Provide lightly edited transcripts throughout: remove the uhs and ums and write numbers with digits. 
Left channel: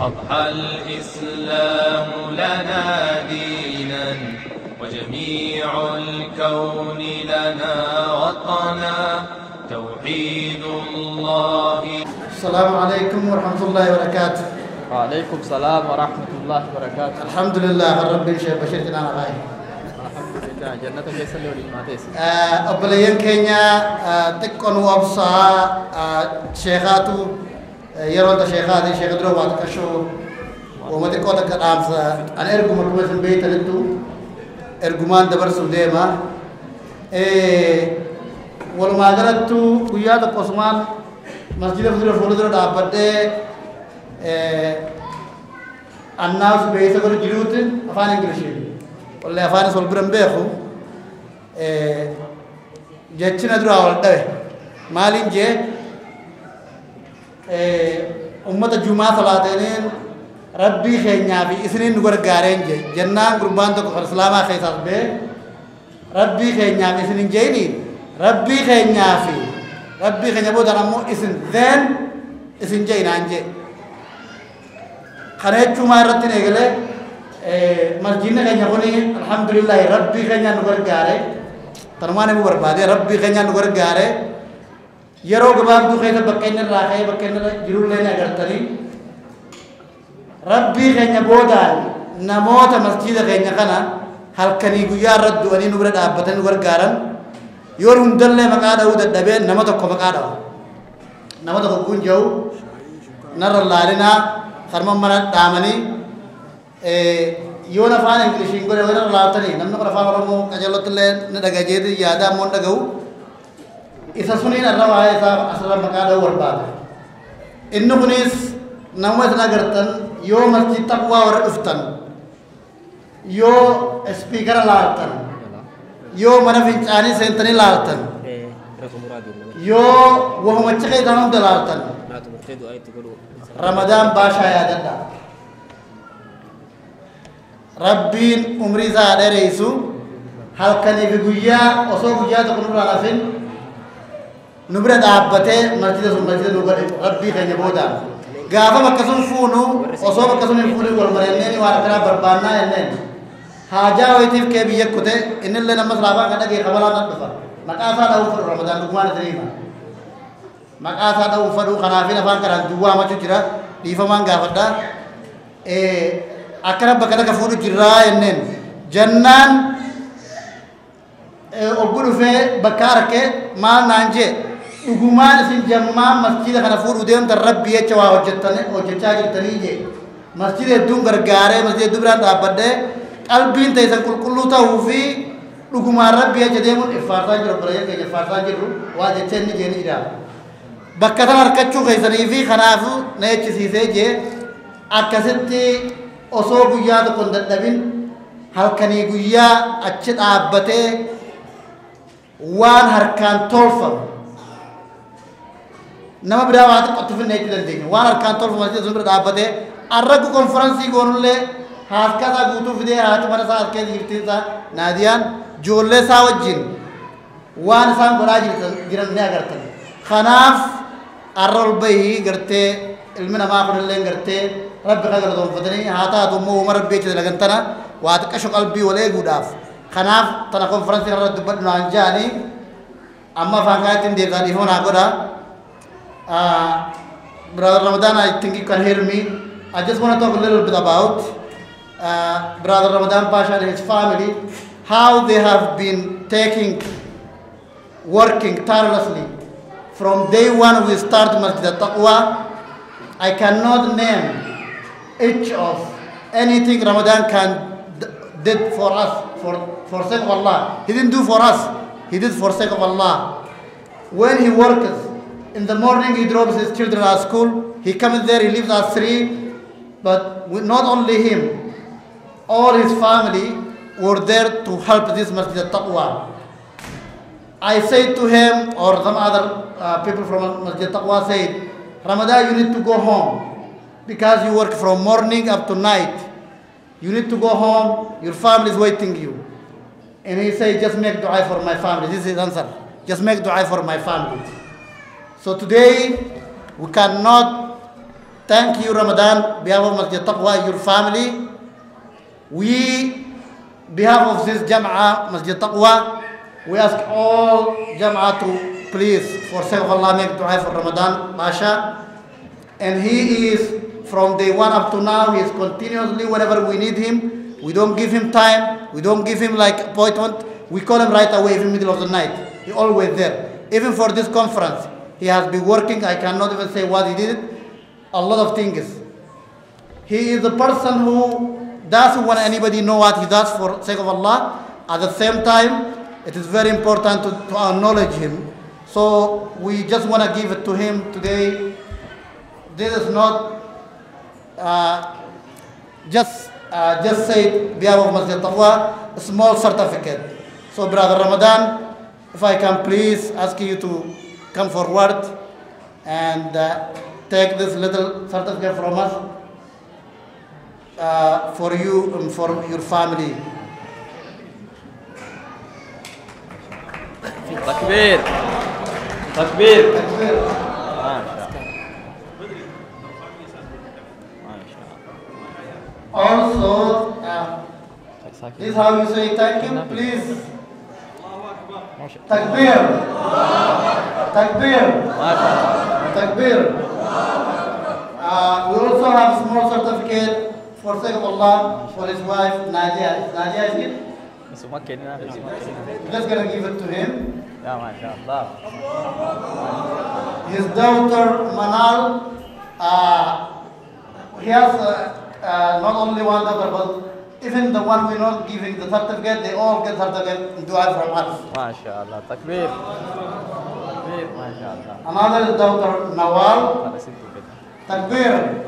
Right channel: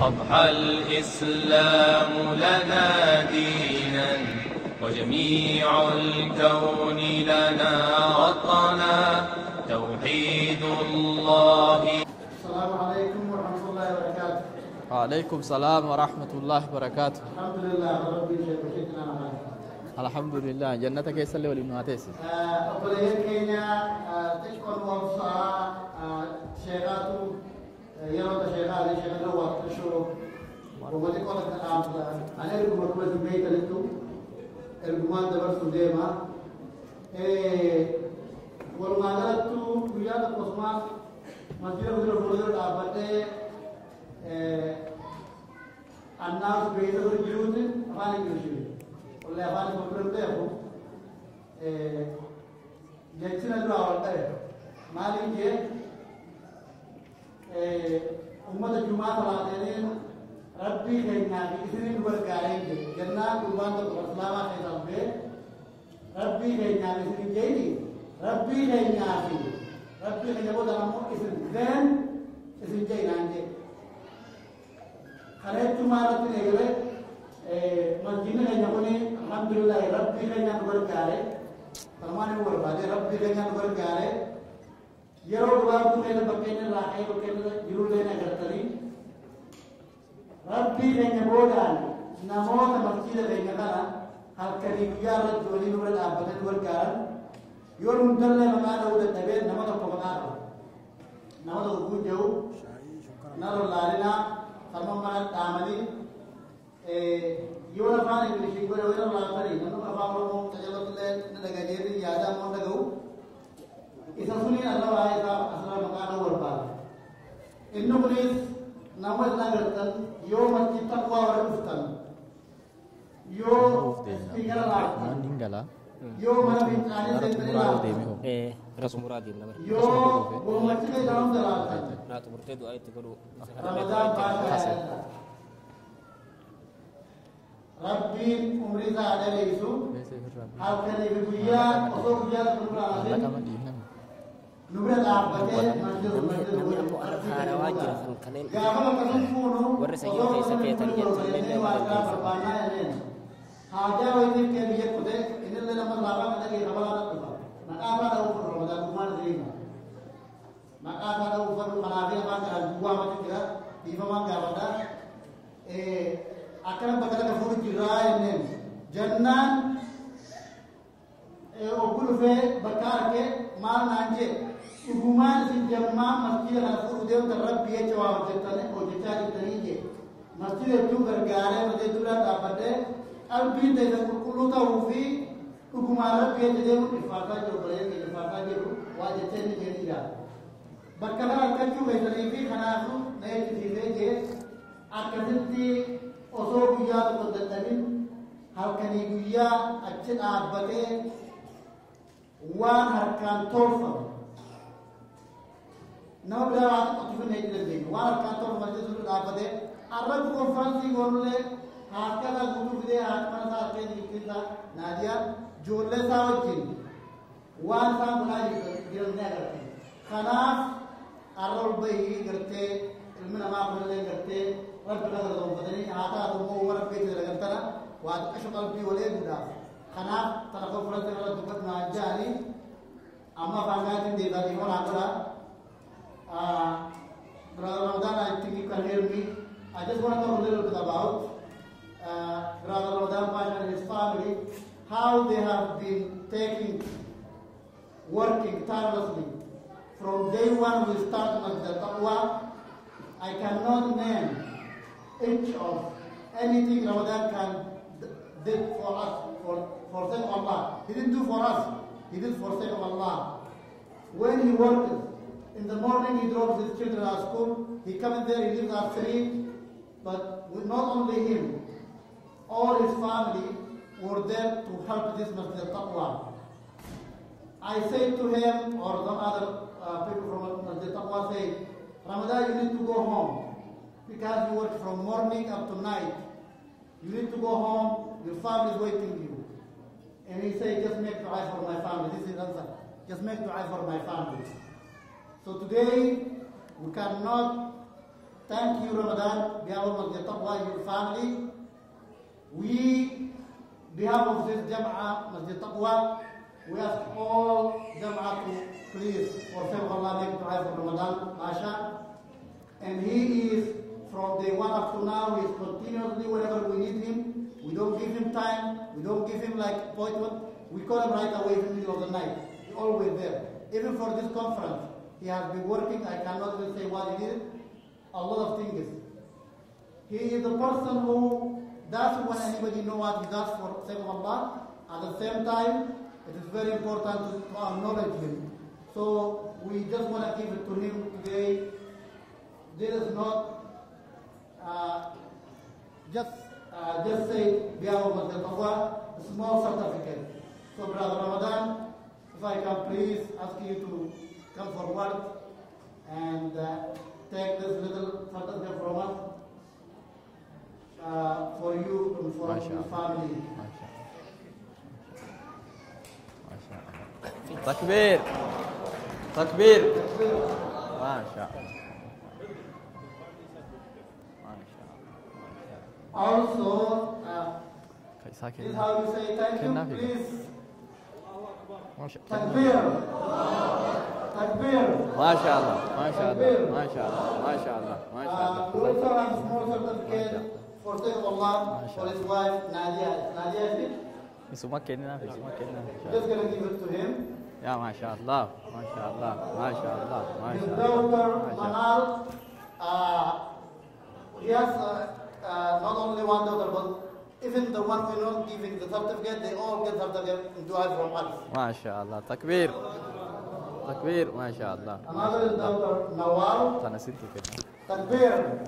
أضحى الإسلام لنا دينا وجميع الكون لنا وطنا توحيد الله. السلام عليكم ورحمة الله وبركاته. وعليكم السلام ورحمة الله وبركاته. الحمد لله رب الشيخ بشير جنانا غاي. الحمد لله جنة جيسل يولي ماتيس. أبليين كينيا تكون وابصا شيخاتو يرون شيخاتي شيخ دروبات كشو وما تكون تكرام أنا أرجو مركوز البيت لتو أرجومان دبر سوديما والما جرتو ويا تقسمان مسجد فضل فلودر دابته الناس بيسكر جلوت أفان إنجليزي ولا أفان سولبرم بيخو جتشنا درا والده مالين جه أمة الجمعة ثلاثين ربي خيرنا في إسرائيل نقول قارين جه جنة قربان تو خرسلامة خيسات به ربي خيرنا في إسرائيل جيني ربي خيرنا في ربي خيرنا بود أنا مو إسن ذن إسن جينا عنجه خريج شو ما رتين إقله مسجدنا خيرنا بني الحمد لله ربي خيرنا نقول قارين ترمانه مو بربادي ربي خيرنا نقول قارين يروق باب دو خير بكينر راخي بكينر جرول لنا قرطني ربي خيرنا بودان نموت مسجد خيرنا خنا هل كني جويا رد وني نبرد أبتن نقول قارن يورون دلله مقاده وده دبين نمطك مقاده نمطك كون جو نر اللارنا خرم مرة دامني يونا فان إنجليزي إنقوله ورا لاتني نمنا كنا فان ورمو أجلوت له ندعى جيد يادا مون دعو إذا سنين الروا هاي سا أصلا مقاده ورباد إنه كنيس نموت ناقرتن يو مسجد تقوى ورفتن يو سبيكر لاتن يو mana fincani sentani laltan yo wo macce danam dalaltan Ramadan basha ya dada Rabbin umri zaade reisu halkani fi guyya oso guyya to kunu rafin nubra dabbate masjid nubar Rabbi kanya boda gafa makasun funu oso makasun funu gol marenne ni wala kara barbana enne haja waitif ke biya kute inil le namas laba kada ke khabala na dafa makasa da ufur Ramadan dugman terima makasa da ufaru khanafina fa kara duwa ma jira difa manga fada akrab bakada ka furu jira ennen jannan ogulu fe bakar ke ma nanje duguman sin jamma masjid khana furu dem tar rabbi ya chawa hojjatane o chacha tani je masjid dum gargare masjid dubran abade qalbiin taysan kulkullu ta'u fi dhuguma rabbi ajadeemun ifaarsaa jiru bareeyee keenya ifaarsaa jirru waa jettee inni jeeni ida bakka tan harkachuu keessanii fi kanaafu na echisiisee jee akkasitti osoo guyyaa tokko hin dadhabin halkanii guyyaa achi dhaabbatee waan harkaan tolfamu nama biraa waa xiqqotti finna jechuu dandeenya waan harkaan tolfamu asii sun bira dhaabbatee arraggu konferansii goonullee haskata guutuu fidee haati mana isaa as keessa jirtiinsa naadiyaan ijoollee isaa wajjin waan isaan godhaa jiran ni agartan kanaaf arra ol bahii gartee ilmi namaa kunillee gartee rabbi kan galatoonfatanii haa taatu immoo uuma rabbii jecha dalagantana waa xiqqasho qalbii wal eeguudhaaf kanaaf tana konferansii irra dubbadhu naan jaanii amma afaan kaanitti hin deebisaa dhiifama naa godha Brother Ramadan, I think you can hear me. I just want to talk a little bit about Brother Ramadan Pasha and his family, how they have been working tirelessly. From day one we start Masjid Al-Taqwa. I cannot name each of anything Ramadan did for us, for sake of Allah. He didn't do for us, he did for sake of Allah. When he works, in the morning he drops his children at school, he comes there, he leaves at 3, but not only him, all his family were there to help this Masjid Al-Taqwa. I said to him, or some other people from Masjid Al-Taqwa said, Ramadan, you need to go home because you work from morning up to night. You need to go home, your family is waiting you. And he said, just make dua for my family. This is his answer. Just make dua for my family. So today, we cannot thank you, Ramadan, behalf of Masjid Taqwa, your family. We, behalf of this Jam'ah, Masjid Taqwa, we ask all Jam'ah to please, for sake of Allah, make dua for Ramadan, Masha. And he is, from day one up to now, he is continuously, whenever we need him, we don't give him time, we don't give him like appointment, we call him right away in the middle of the night. He always there. Even for this conference, he has been working, I cannot even say what he did, a lot of things. He is the person who doesn't want anybody know what he does for sake of Allah. At the same time, it is very important to acknowledge him. So we just want to give it to him today. This is not just say behalf of Masjid Taqwa, a small certificate. So Brother Ramadan, if I can please ask you to come forward and take this little certificate from us for you and for your family. Takbir. Takbir. Also, this is how you say thank you, please. Takbir. Takbir. Takbir. We also have a small certificate for sake of Allah for his wife, Nadia. Nadia is it? We're just going to give it to him. His daughter, Manal, he has not only one daughter, but even the one we're not giving the certificate, they all get certificate in dua from us. MashaAllah. Takbir. Takbir. MashaAllah. Another daughter, Nawal. Takbir.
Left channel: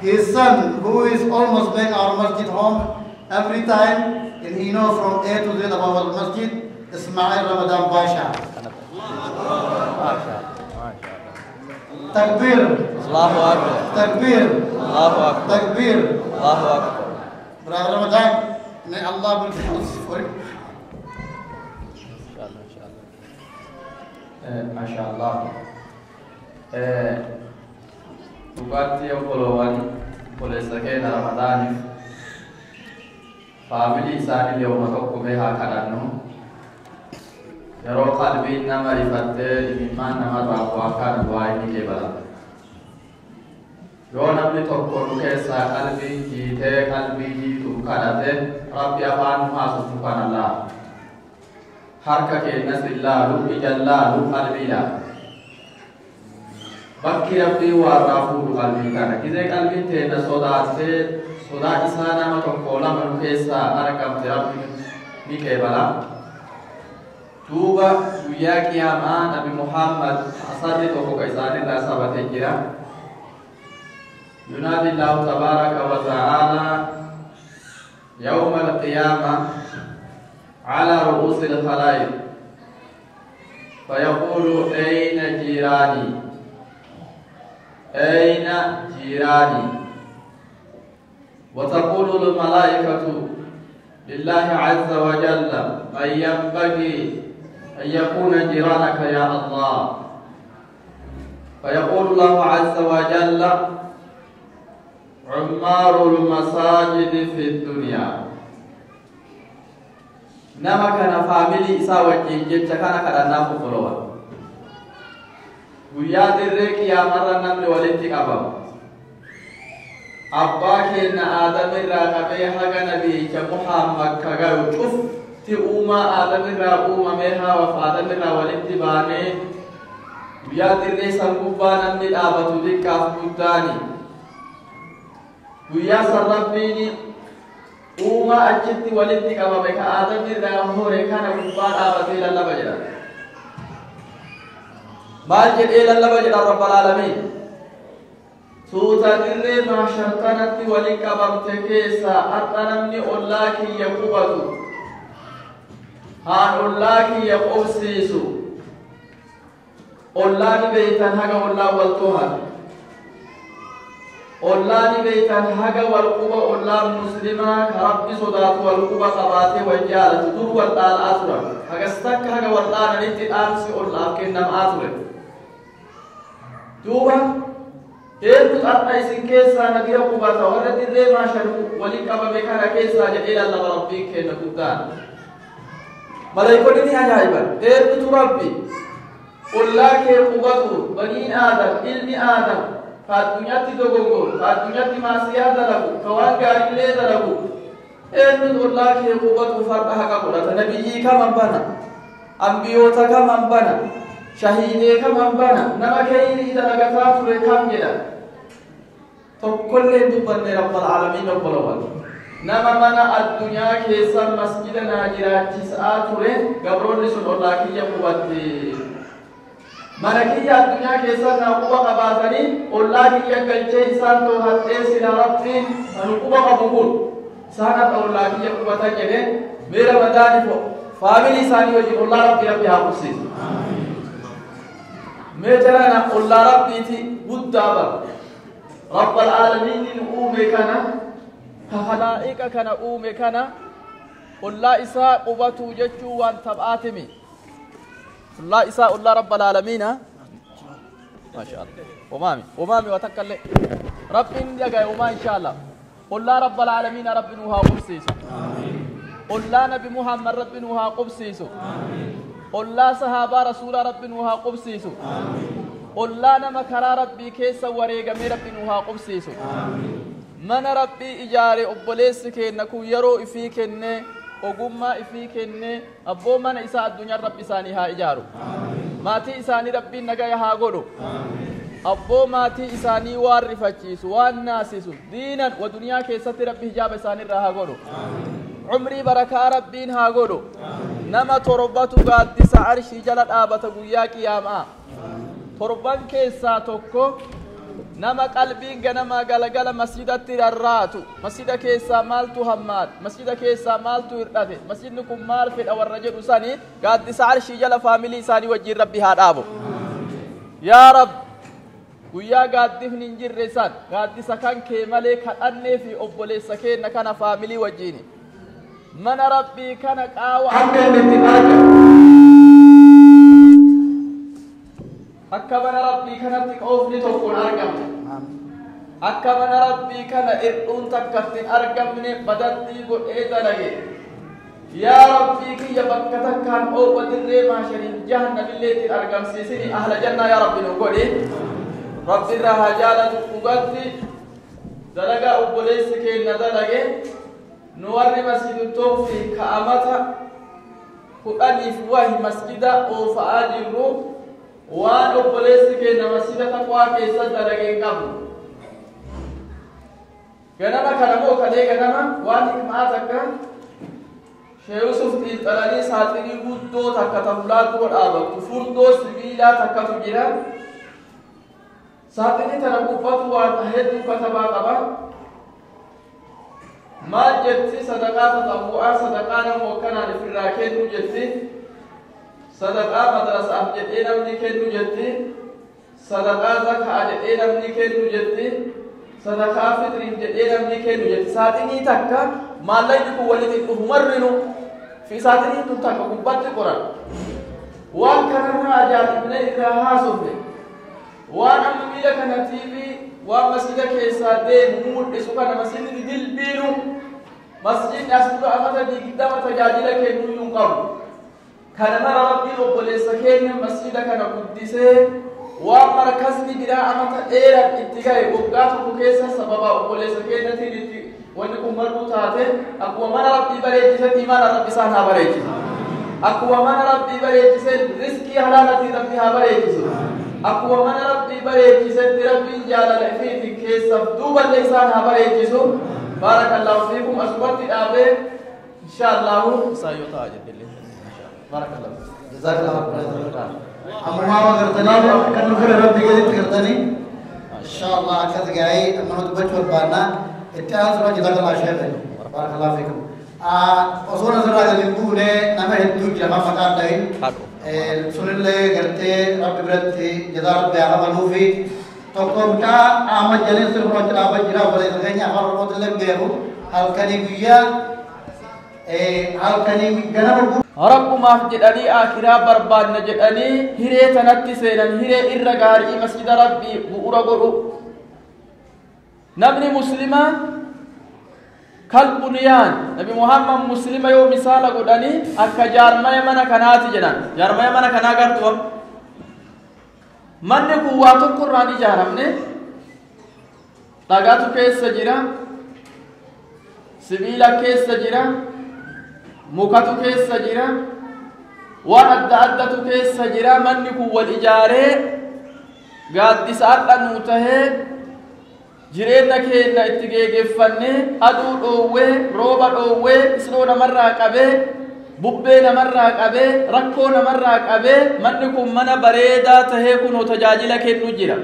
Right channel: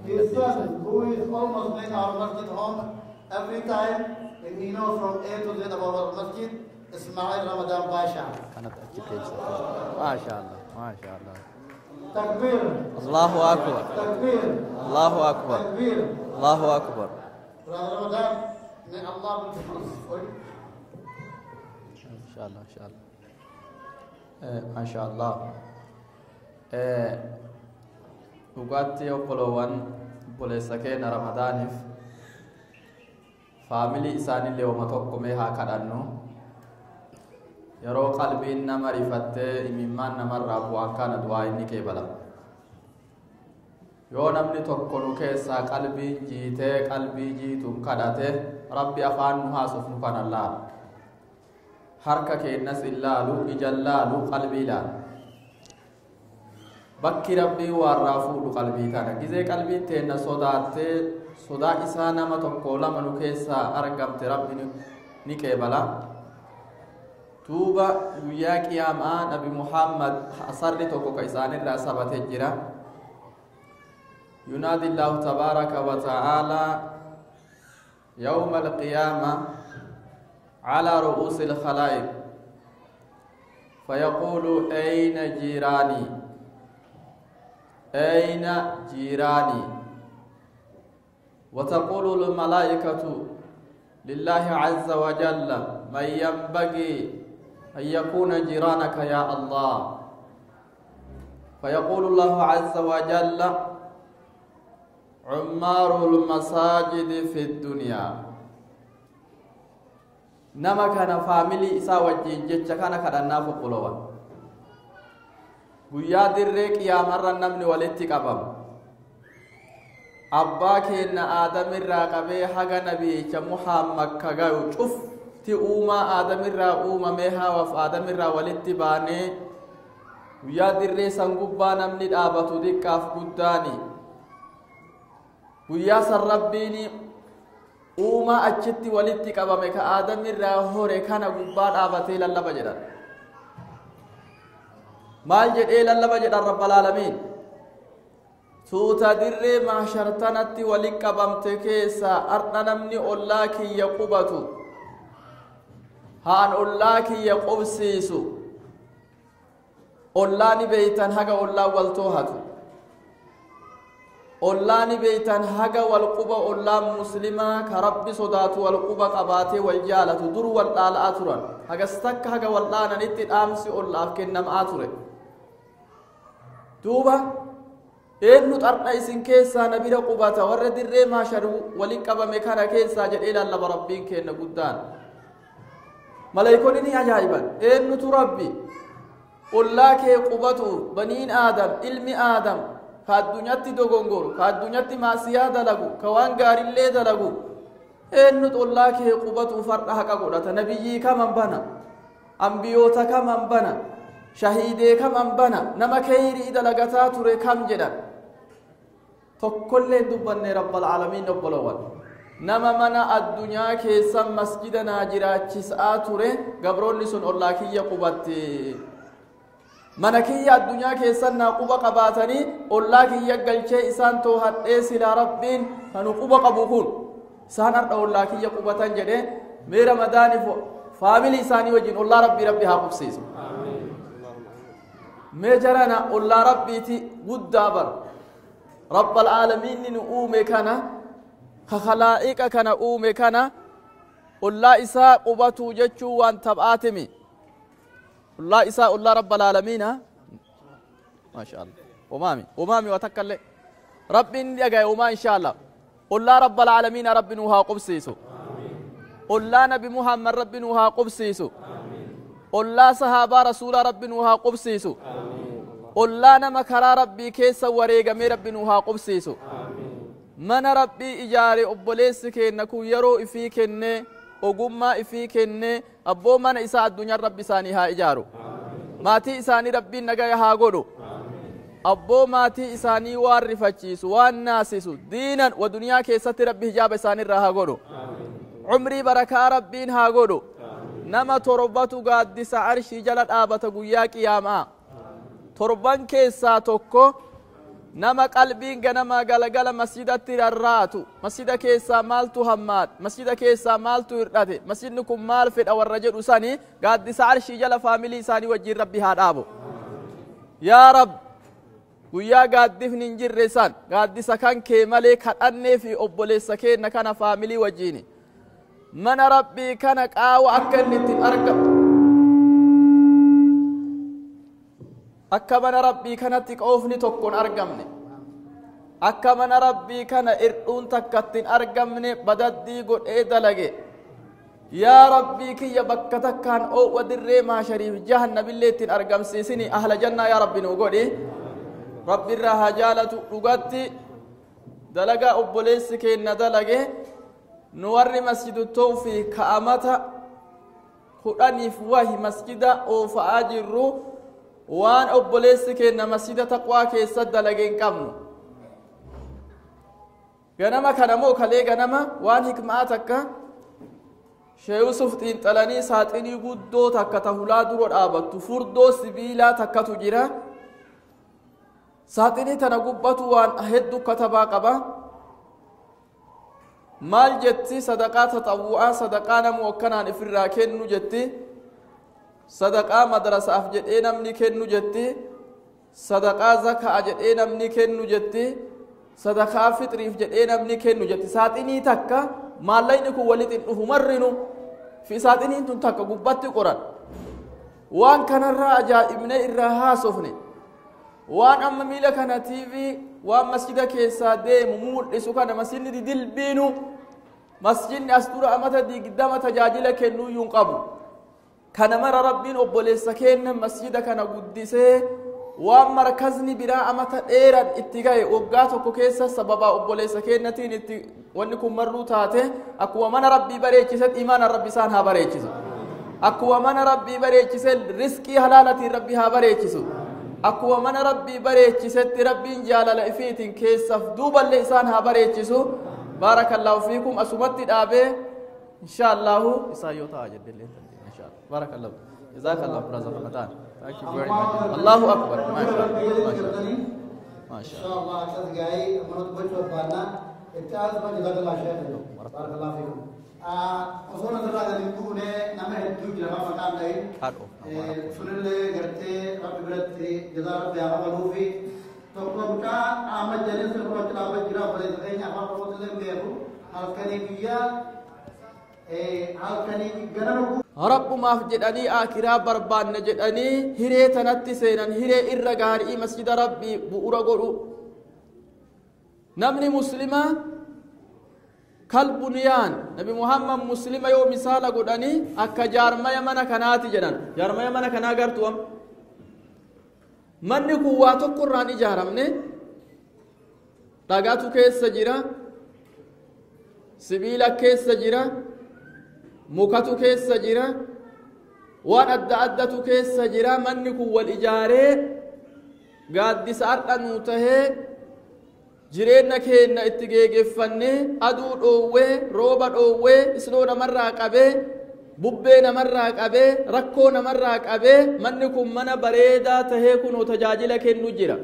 His son, who is almost making our masjid home every time, and he knows from A to Z about our masjid, Ismail Ramadan Basha. Takbir. Allahu Akbar. Takbir. Allahu Akbar. Takbir. Allahu Akbar. Brother Ramadan, may Allah bless you. MashaAllah. Dhugaatii obboloowwan obboleessa keenya Ramadaaniif faamilii isaanii yooma tokko mee haa kadhannu. Yeroo qalbiin nama ifattee imimmaan namarraa bu'aa du'aa inni keebala. Yoo namni tokko nu keessaa qalbii jiitee qalbii jiitu kadhate Rabbi afaan nu haasoftu kan Allah. Harka keenyas illaalu, ija illaalu, qalbii ilaalu. Bakki Rabbii warraa fuudhu qalbii kana. Gizee qalbiin teenya sodaattee sodaa isaa nama tokko lama nu keessaa argamte Rabbi ni keebala. Duuba guyyaa qiyaamaa Nabi Muhammad asarri tokko ka isaanirraa sabatee jira. ينادي الله تبارك وتعالى يوم القيامة على رؤوس الخلائق فيقول أين جيراني أين جيراني وتقول الملائكة لله عز وجل من ينبغي أن يكون جيرانك يا الله فيقول الله عز وجل عمار المساجد في الدنيا نما كان فاميلي إسا وجين جبت كان كدنا فقلوا ويا درك يا مرة نمني ولدتك أبا أباك إن آدم الرقبي حق نبي كمحمد كغير شوف تؤما آدم الرقوما مها وفادم الرولدت باني ويا درك سنقبا نمني الآبة ديك أفقداني ويا سربيني وما أجدت ولدتك أما بك آدم الله ركان قبان آبتي لله بجدا ما جد إلى الله بجدا رب العالمين سوتا دري ما شرطنت ولك بمتكيسا أردنمني أولاك يقوبتو هان أولاك يقوبسيسو أولاني بيتان هكا والله والتوهات أولاني بيتان هجا والقبة أولان مسلمة كرب صدات والقبة قباتي وجالة تدور والدال آتنا هجا استك هجا والدان نتي آنسي أولان كنم آتنا دوبا إيه مطعنا إسن كيسا نبي رقبتا ورد الرئي ما شرقوا ولقب مكانا كيسا جديلا الله ربين كينا قدان ملايكوني عجائبا إيه متربي قل لك قبطه بنين آدم علم آدم فالدنيا تدوغو فالدنيا ما سيادة له كوان غار الليل له إيه متقول لك قبطه فرقها قبلة نبيي كمان بنا أنبيوتا كمان بنا شهيدي كمان بنا نما كيري إذا لقطات ركام جدا فكل دبن رب العالمين رب الأول نما منا الدنيا كيسا مسجدنا جرا جسآت رين قبرون لسول الله كي يقبطي ملكية الدنيا كيسا نقوبة قباتني الله كي يقل جيسان توهدس إلى ربين نقوبة قبول سانت الله كي يقبطا جدين ميرا مداني فاميلي ساني وجه الله ربي حقوسيس ميجرانا الله ربي تي بدابر رب العالمين نقومي كان خخلائك كان أومي كان الله إساء قبطو ججو وان تبآتمي الله إساء الله رب العالمين ما شاء الله أمامي وتكلم رب يجي وما إن شاء الله الله رب العالمين رب نوها قبسيسو الله نبي محمد رب نوها قبسيسو الله صحابة رسول رب نوها قبسيسو الله نمكرا ربي كيسا وريقا مي رب نوها قبسيسو من ربي إجاري أبوليس كينكو يرو إفي كيني ogummaa ifii kenne abboo mana isaa addunyaa rabbi isaanii haa ijaaru maatii isaanii rabbiin nagaya haa godhu abboo maatii isaanii waan rifachiisu waan naasisu diinan wa duniyaa keessatti rabbi hijaaba isaanii irraa haa godhu umrii barakaa rabbiin haa godhu nama torbatu gaaddisa arshii jala dhaabata guyyaa qiyaamaa torban keessaa tokko nama qalbiin ganama galagala masjidatti rarraatu masjida keessaa maaltu hammaad masjida keessaa maaltu hirdhate masjidni kun maal fedha warra jedhu sani gaaddisa arshii jala faamilii isaanii wajjiin rabbi haa dhaabu yaa rab guyyaa gaaddifni hin jirre san gaaddisa kan kee malee kadhannee fi obboleessa keenna kana faamilii wajjiini mana rabbii kana qaawa akka inni argamu akka mana rabbii kanatti qoofni tokkoon argamne akka mana rabbii kana ir'uun takkattiin argamne badantii godhee dalage yaa rabbii kiyya bakka takkaan oowwa dirree maashaniif jahannamillee ittiin argamsiisini ahla jannaa yaa rabbi nu godhi rabbi irraa haa jaalatu dhugatti dalagaa obboleessi keenna dalage nu warri masjidu tawfii ka'amata kudhaniif wahi masjida oofa'aa jirru waan obboleessi keenna masjida taqwaa keessatti dalageen qabnu ganama kana moo kalee ganama waan hikmaa takka Sheekh Yusuf xiinxalanii saaxinii guddoo takka tahulaa dura dhaabattu furdoo sibiilaa takkatu jira saaxinii tana gubbatu waan hedduu katabaa qaba maal jetti sadaqaa tatawwu'aa sadaqaa nama wakkanaan ifirraa kennu jetti sadaqaa madrasaaf jedhee namni kennu jetti sadaqaa zakaa jedhee namni kennu jetti sadaqaa fitriif jedhee namni kennu jetti saaxinii takka maallaqni kun walitti dhufu marrinu fi saaxinii tun takka gubbatti qoran waan kanarraa ajaa'ibne irraa haasofne waan amma miila kana tiivii waan masjida keessaa deemu mul'isu kana masjidni dilbiinu masjidni as dura amata digdama tajaajila kennuu hin qabu kana mara rabbiin obboleessa keenya masjida kana guddisee waan markasni biraa amata dheeran itti ga'e waggaa tokko keessa sababa obboleessa keenyatiin itti wanni kun mar'uu taate akkuma mana rabbii bareechisetti imaana rabbi isaan haa bareechisu akkuma mana rabbii bareechisen riskii halaalatiin rabbi haa bareechisu akkuma mana rabbii bareechisetti rabbiin jaalala ifiitiin keessaaf duuballee isaan haa bareechisu baarakallahu fiikum asumatti dhaabee inshaallahu isaan yoo ta'a jedhillee baarakallahu أما ما قرتني كانوا في ربي قديم قرتني إن شاء الله كذا جاي أما نتبجح بانا اتعاذ الله جزاك الله خير بارك الله فيكم أصورنا زرع الجنبونة نما هدوك جماعة مكان داين سنلة قرتي ربي برتي جزاك الله بيعه ملوفي تقوم كا أحمد جليل سرور جل أبد جرا بلي تكني أخبار الله تلهم بيرو هل كني بيا هل كني جنابه rabbumaaf jedhanii akiraa barbaanna jedhanii hiree tanatti seenan hiree irra gaarii masjida rabbii bu'uura godhu namni muslimaa kalbuniyaan nabi muhammad muslima yoo misaala godhanii akka jaarmaya mana kanaati jedhan jaarmaya mana kanaa gartuu manni kun waa tokko irraan ijaaramne dhagaatu keessa jira sibiila keessa jira mukatu keessa jira waan adda addatu keessa jira manni kun wal ijaaree gaaddisa adha nuu tahee jireenya keenya itti geeggeeffannee aduu dhoowwee rooba dhoowwee isloo namarraa qabee bubbee namarraa qabee rakkoo namarraa qabee manni kun mana bareedaa tahee kunoo tajaajila kennu jira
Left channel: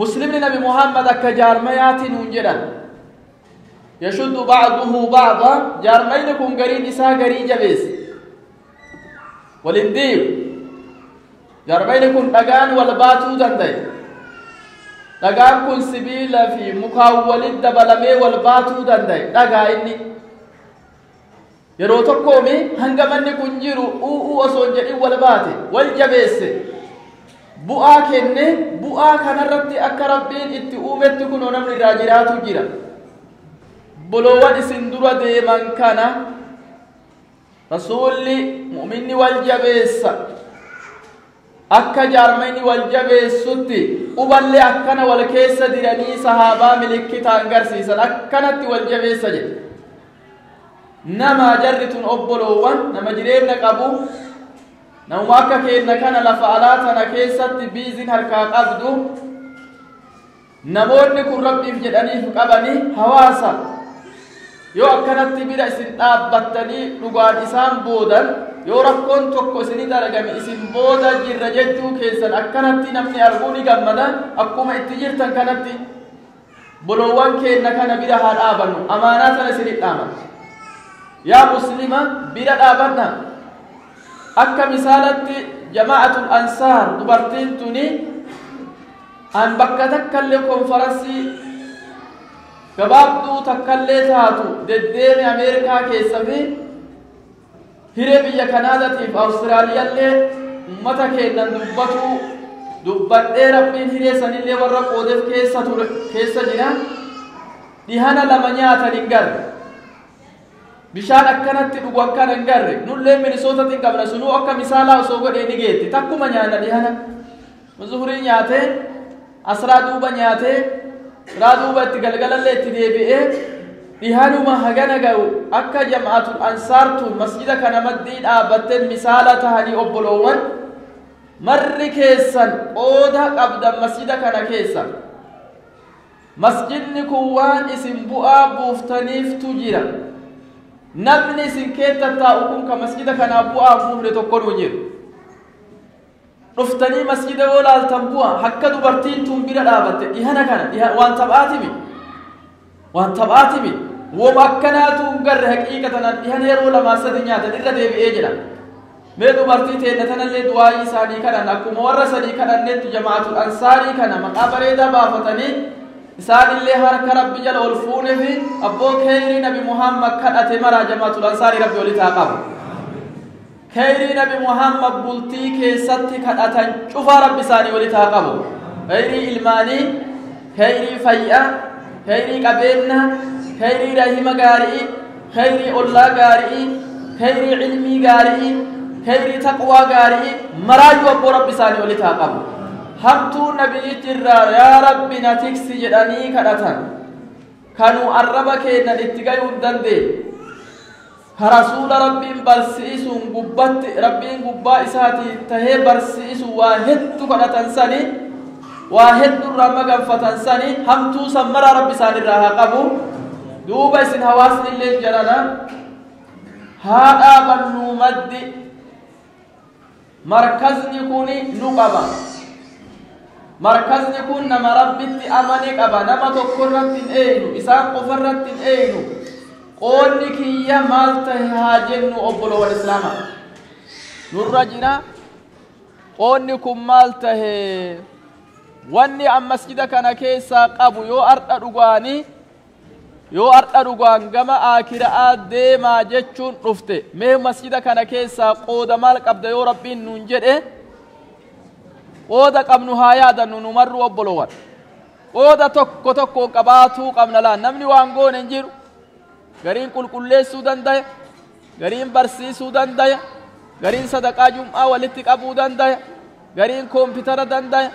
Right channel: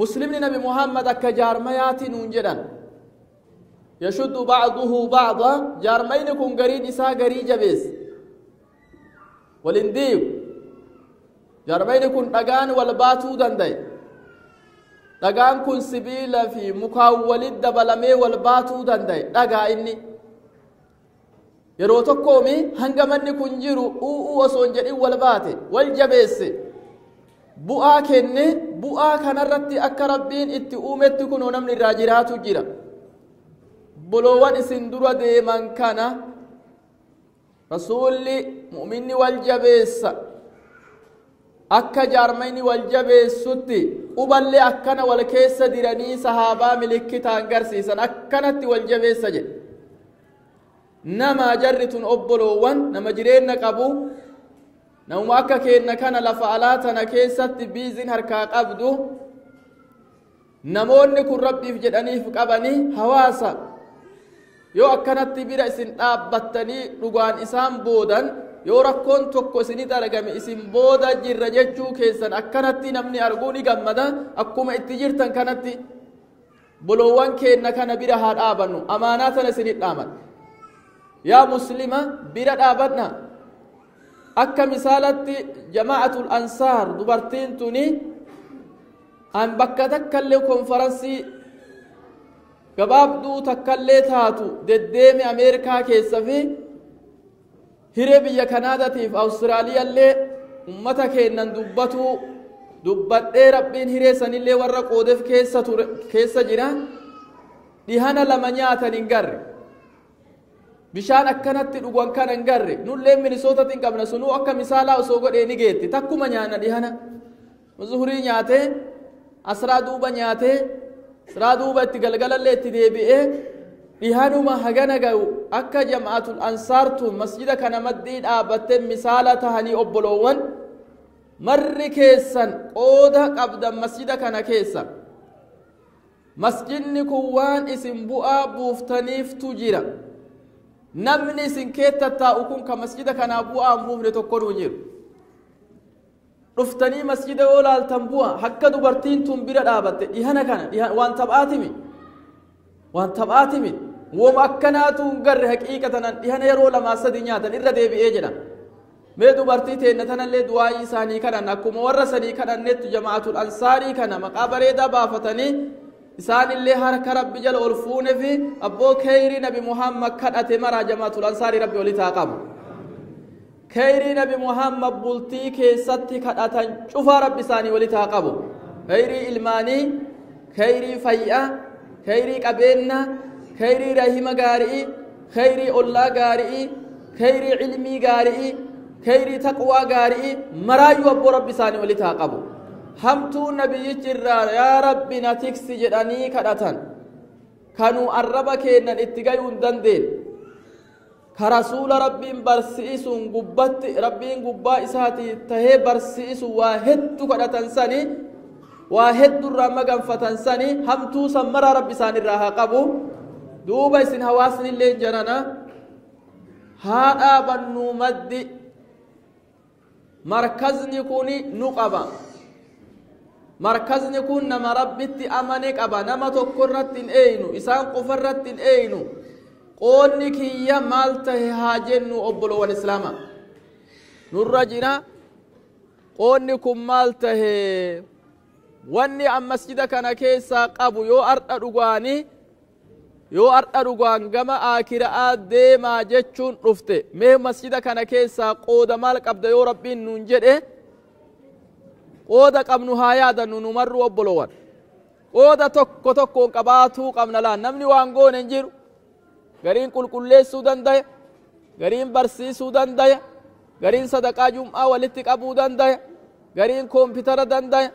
muslimni nabi muhammad akka jaarmayaati nuun jedhan yashuddu ba'duhu ba'da jaarmayni kun gariin isaa garii jabees walindiib jaarmayni kun dhagaan wal baatuu danda'e dhagaan kun sibiila fi mukaan walit dabalamee wal baatuu danda'e dhagaa inni yeroo tokkoomi hanga manni kun jiru u'uu osoo jedhin wal baate wal jabeesse bu'aa kenne bu'aa kanarratti akka rabbiin itti uumetti kunoo namni irraa jiraatu jira bolowwan isin dura deeman kana rasuulli mu'minni wal jabeessa akka jaarmayni wal jabeessutti uballee akkana wal keessa diranii sahaabaa milikkita agarsiisan akkanatti wal jabeessa jedhe nama jarritun obbolowwan nama jireenya qabu nama akka keenna kana lafa alaa tana keessatti biizin harkaa qabdu namoonni kun rabbiif jedhaniif qabanii hawaasa yoo akkanatti bira isin dhaabbattanii dhugaan isaan boodan yoo rakkoon tokko isinit argame isin booda jirra jechuu keessan akkanatti namni arguu ni gammada akkuma itti jirtan kanatti bolowwan keenna kana bira haa dhaabannu amaanaa sana isinit dhaaman yaa muslima bira dhaabanna akka misaalatti jama'atul ansaar dubartiin tuni an bakka takkallee konferansii gabaabduu takkallee taatu deddeemi ameerikaa keessa fi hiree biyya kanaadatiif awustiraaliyaallee ummata keennan dubbadhee rabbiin hiree sanillee warra qoodeef keessa jira dhihana lama nyaatan hin garre bishaan akkanatti dhugan kan hin garre nullee minisootatiin qabna sunuu akka misaalaa osoo godhee ni geetti takkuma nyaanna dhihana zuhurii nyaatee asraa duuba nyaatee asraa duuba itti galgalallee itti deebi'ee dhihanuma hagana ga'u akka jama'atul ansaartu masjida kana maddii dhaabbattee misaala tahanii obbolowwan marri keessan qooda qabdan masjida kana keessa masjidni kun waan isin bu'aa buuftaniiftu jira namni isin keetta taa'u kun ka masjida kanaa bu'aa buufne tokko nu jiru dhuftanii masjida yoo laaltan bu'a hakka dubartiin tun bira dhaabatte dhihana kana waan taphaatimi woma akkanaatu garre haqiiqatan dhihana yeroo lamaa sadi nyaatan irra deebi'ee jedha mee dubartii teenne tanallee du'aayii isaanii kadhan akkuma warra sadii kadhannetti jama'atul ansaarii kana maqaa bareedaa baafatanii isaanillee harka rabbi jala ol fuune fi abboo kheyrii nabi muhammad kadhate maraa jama'atul ansaarii rabbi walitti haa qabu kheyrii nabi muhammad bultii keessatti kadhatan cufaa rabbi isaanii walitti haa qabu kheyrii ilmaanii kheyrii fayyaa kheyrii qabeenya kheyrii rahima gaarii kheyrii ollaa gaarii kheyrii ilmii gaarii kheyrii taqwaa gaarii maraayyuu abboo rabbi isaanii walitti haa qabu hamtuu nabiyyichirraa yaa rabbi na tiksi jedhanii kadhatan kanuu arraba keennan itti gayuu hin dandeenye ka rasuula rabbiin barsiisuun gubbatti rabbiin gubbaa isaatii tahee barsiisu waa hedduu kadhatan sani waa hedduurraa maganfatan sani hamtuu san maraa rabbi isaanirraa haa qabu duuba isin hawaasni illee jedhana haa dhaabannuu maddi markazni kuni nu qaba markazni kun nama rabbitti amane qaba nama tokkorratti hin eeynu isaan qofarratti hin eeynu qoonni kiyya maal tahe haa jennu obbolowwan islaama nurra jira qoonni kun maal tahe wanni an masjida kana keessaa qabu yoo ardha dhugaanii yoo har'a dhugaan gama aakiraa deemaa jechuun dhufte mee masjida kana keessaa qooda maal qabda yoo rabbiin nuun jedhe qooda qabnu haa yaadannu nu marru obbolowwan qooda tokko tokkoon qabaatuu qabna laan namni waan goone hin jiru gariin qulqulleessuu dandaya gariin barsiisuu dandaya gariin sadaqaa jum'aa walitti qabuu dandaya gariin koompitara dandaya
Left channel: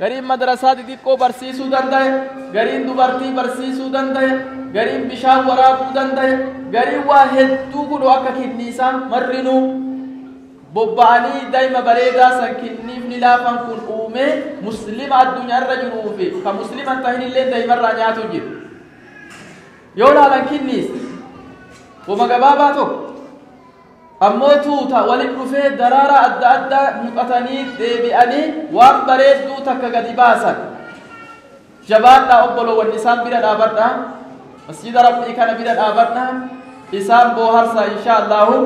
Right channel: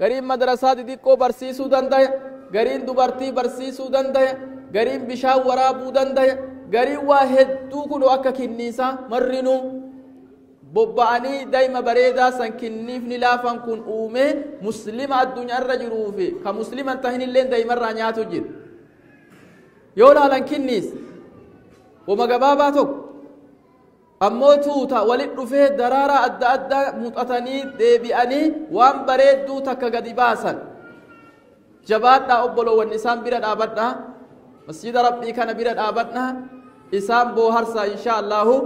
gariin madrasaa xixiqqoo barsiisuu dandaya gariin dubartii barsiisuu dandaya gariin bishaan waraabuu dandaya gariin waa hedduu kunoo akka kinniisaa marrinuu bobba'anii daa'ima bareedaa san kinniifni laafan kun uumee muslima addunyaarra jiruu fi ka musliman tahin illee daa'imarraa nyaatu jiru yoo laalan kinniis wama gabaabaa tokko ammoo tuuta walit dhufee daraara adda addaa muqatanii deebi'anii waan bareedduu takka gadi baasan jabaadhaa obbolowwan isaan bira dhaabadhaa masjida rabbii kana bira dhaabadhaa isaan booharsa inshaa Allahu